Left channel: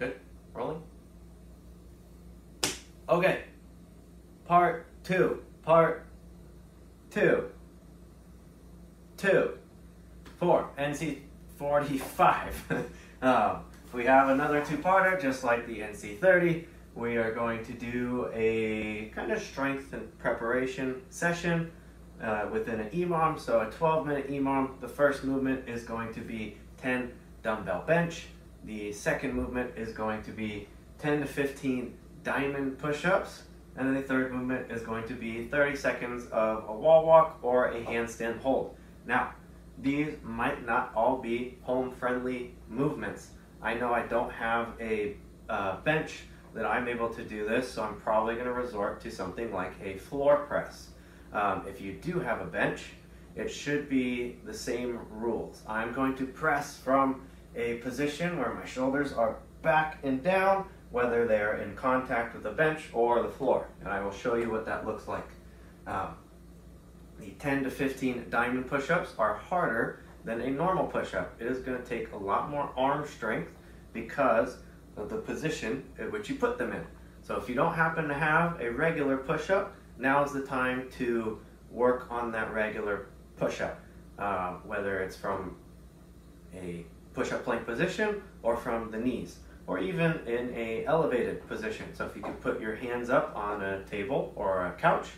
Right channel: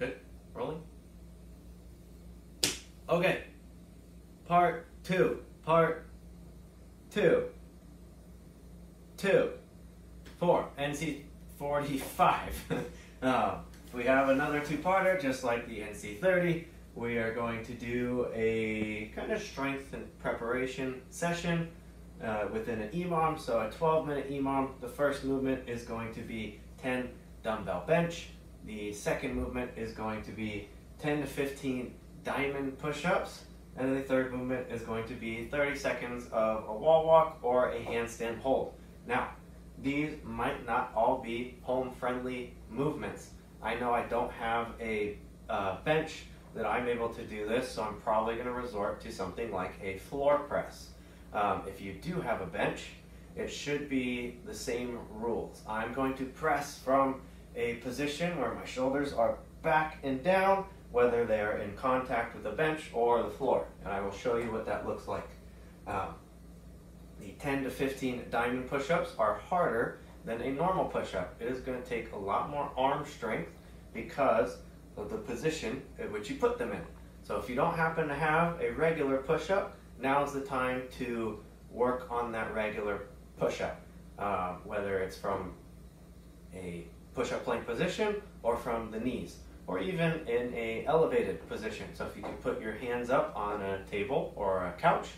Good, rolling. Okay, part two, 2, 4, NC45. We have another two-parter, just like the NC30. We are going to do a kind of strength and preparation session within an EMOM, so a 12-minute EMOM. The first movement is going to be 10 dumbbell bench. The second movement is going to be 10 to 15 diamond push-ups. And then the third movement is going to be 30 seconds of a wall walk or a handstand hold. Now, these might not all be home-friendly movements. I know I don't have a bench that I'm able to do this, so I'm probably going to resort to something like a floor press. If you do have a bench, it should be the same rules. I'm going to press from a position where my shoulders are back and down, whether they're in contact with the bench or the floor. And I will show you what that looks like. The 10 to 15 diamond push-ups are harder than a normal push-up. It is going to take a lot more arm strength because of the position at which you put them in. So if you don't happen to have a regular push-up, now's the time to work on that regular push-up, whether it's from a push-up plank position or from the knees, or even in a elevated position. So if you can put your hands up on a table or a couch,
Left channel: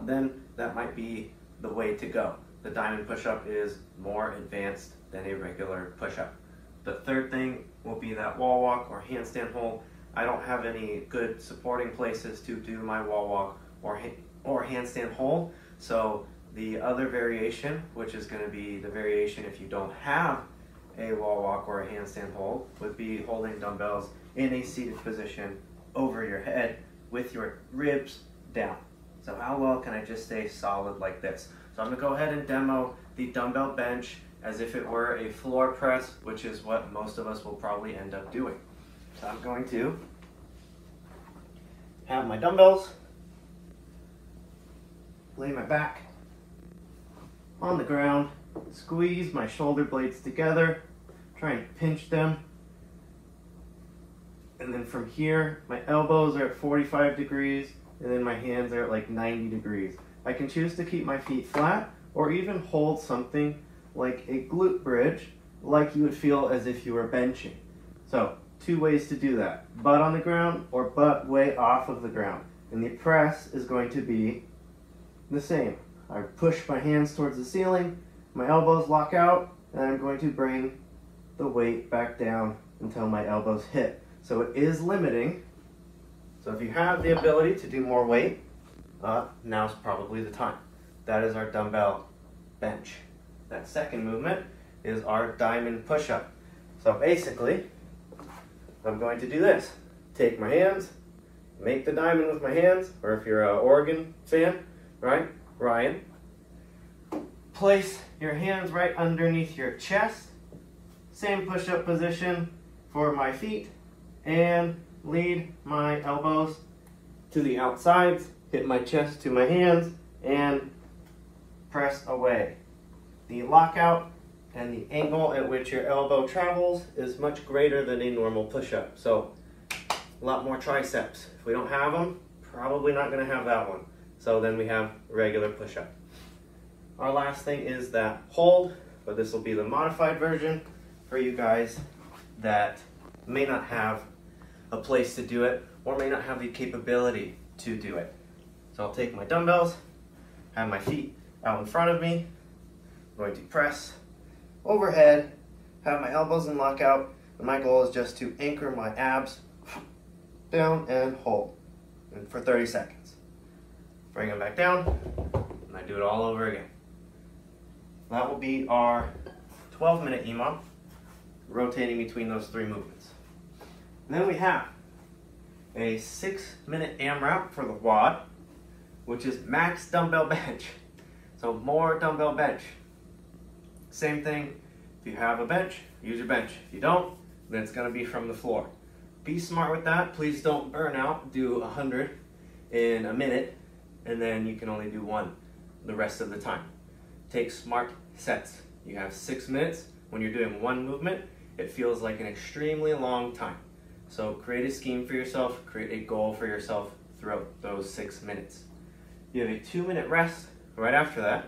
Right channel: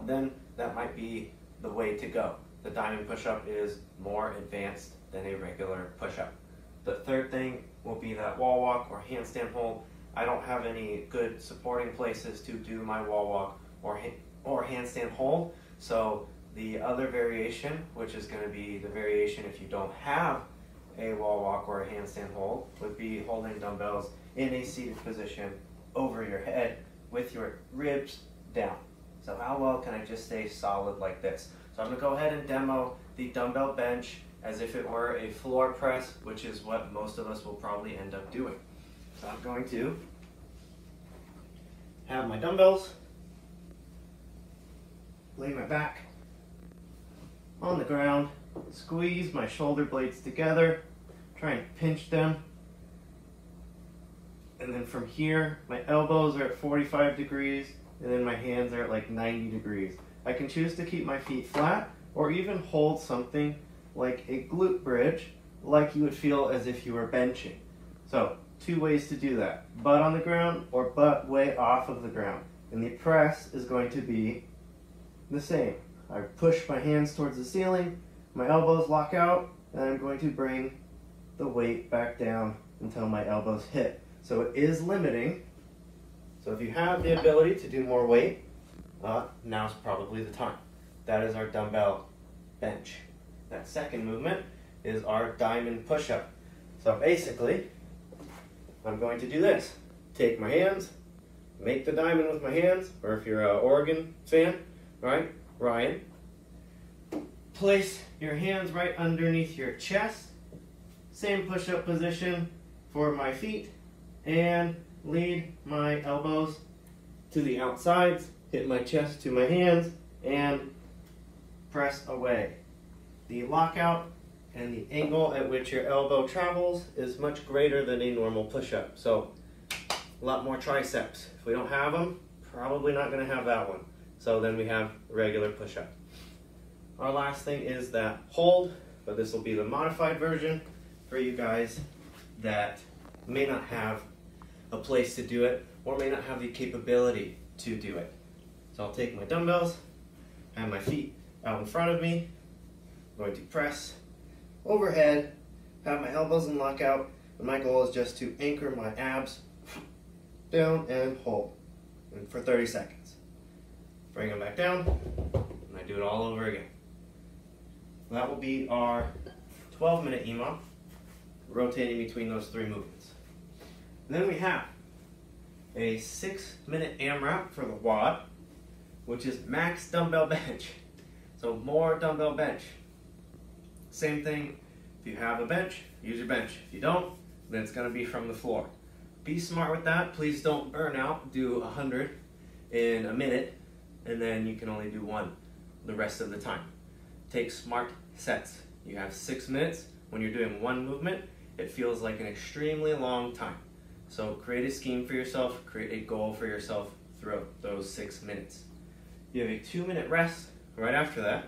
then that might be the way to go. The diamond push-up is more advanced than a regular push-up. The third thing will be that wall walk or handstand hold. I don't have any good supporting places to do my wall walk or handstand hold. So the other variation, which is going to be the variation if you don't have a wall walk or a handstand hold, would be holding dumbbells in a seated position over your head with your ribs down. So how well can I just stay solid like this? So I'm going to go ahead and demo the dumbbell bench as if it were a floor press, which is what most of us will probably end up doing. So I'm going to have my dumbbells, lay my back on the ground, squeeze my shoulder blades together, try and pinch them. And then from here, my elbows are at 45 degrees, and then my hands are at like 90 degrees. I can choose to keep my feet flat, or even hold something like a glute bridge, like you would feel as if you were benching. So, two ways to do that. Butt on the ground, or butt way off of the ground. And the press is going to be the same. I push my hands towards the ceiling, my elbows lock out, and I'm going to bring the weight back down until my elbows hit. So it is limiting. So if you have the ability to do more weight, now's probably the time. That is our dumbbell bench. That second movement is our diamond push-up. So basically, I'm going to do this. Take my hands, make the diamond with my hands, or if you're an Oregon fan, right, Ryan, place your hands right underneath your chest. Same push-up position for my feet, and lead my elbows to the outsides, hit my chest to my hands, and press away. The lockout and the angle at which your elbow travels is much greater than a normal push-up. So a lot more triceps. If we don't have them, probably not going to have that one. So then we have a regular push-up. Our last thing is that hold, but this will be the modified version for you guys that may not have a place to do it or may not have the capability to do it. So I'll take my dumbbells, have my feet out in front of me. I'm going to press overhead, have my elbows in lockout, and my goal is just to anchor my abs down and hold for 30 seconds. Bring them back down, and I do it all over again. That will be our 12-minute EMOM, rotating between those three movements. Then we have a 6-minute AMRAP for the WOD, which is max dumbbell bench. So more dumbbell bench. Same thing, if you have a bench, use your bench. If you don't, then it's gonna be from the floor. Be smart with that. Please don't burn out. Do 100 in a minute, and then you can only do 1 the rest of the time. Take smart sets. You have 6 minutes. When you're doing 1 movement, it feels like an extremely long time. So create a scheme for yourself, create a goal for yourself throughout those 6 minutes. You have a 2-minute rest. Right after that,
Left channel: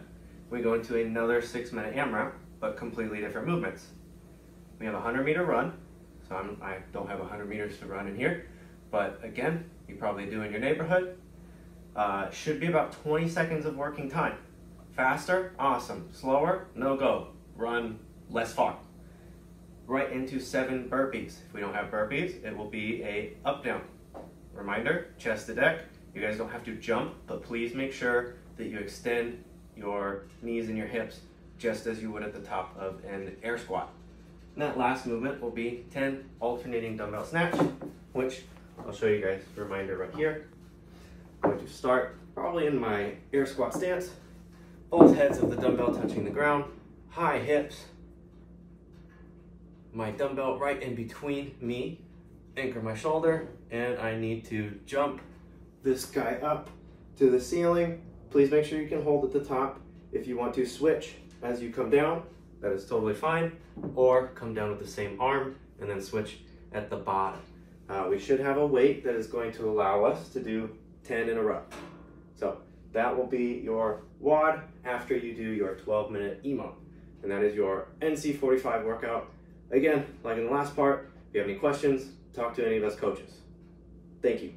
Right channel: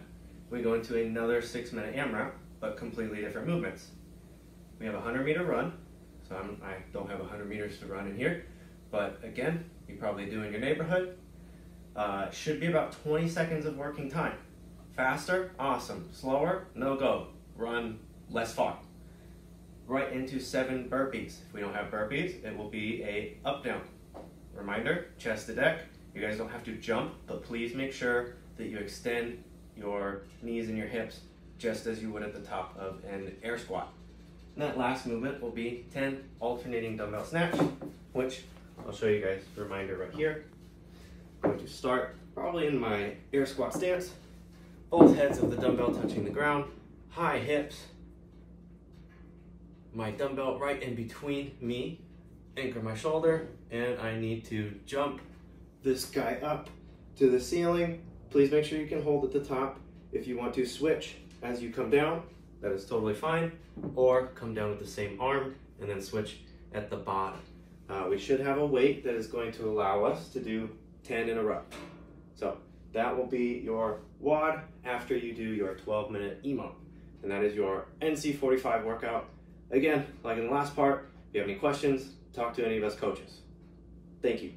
we go into another 6-minute AMRAP, but completely different movements. We have a 100-meter run. So I don't have 100 meters to run in here, but again, you probably do in your neighborhood. Should be about 20 seconds of working time. Faster, awesome. Slower, no go. Run less far. Right into 7 burpees. If we don't have burpees, it will be a up-down. Reminder, chest to deck. You guys don't have to jump, but please make sure that you extend your knees and your hips just as you would at the top of an air squat. And that last movement will be 10 alternating dumbbell snatch, which I'll show you guys a reminder right here. I'm going to start probably in my air squat stance, both heads of the dumbbell touching the ground, high hips, my dumbbell right in between me, anchor my shoulder, and I need to jump this guy up to the ceiling. Please make sure you can hold at the top. If you want to switch as you come down, that is totally fine, or come down with the same arm and then switch at the bottom. We should have a weight that is going to allow us to do 10 in a row. So that will be your WOD after you do your 12-minute EMO. And that is your NC45 workout. Again, like in the last part, if you have any questions, talk to any of us coaches. Thank you.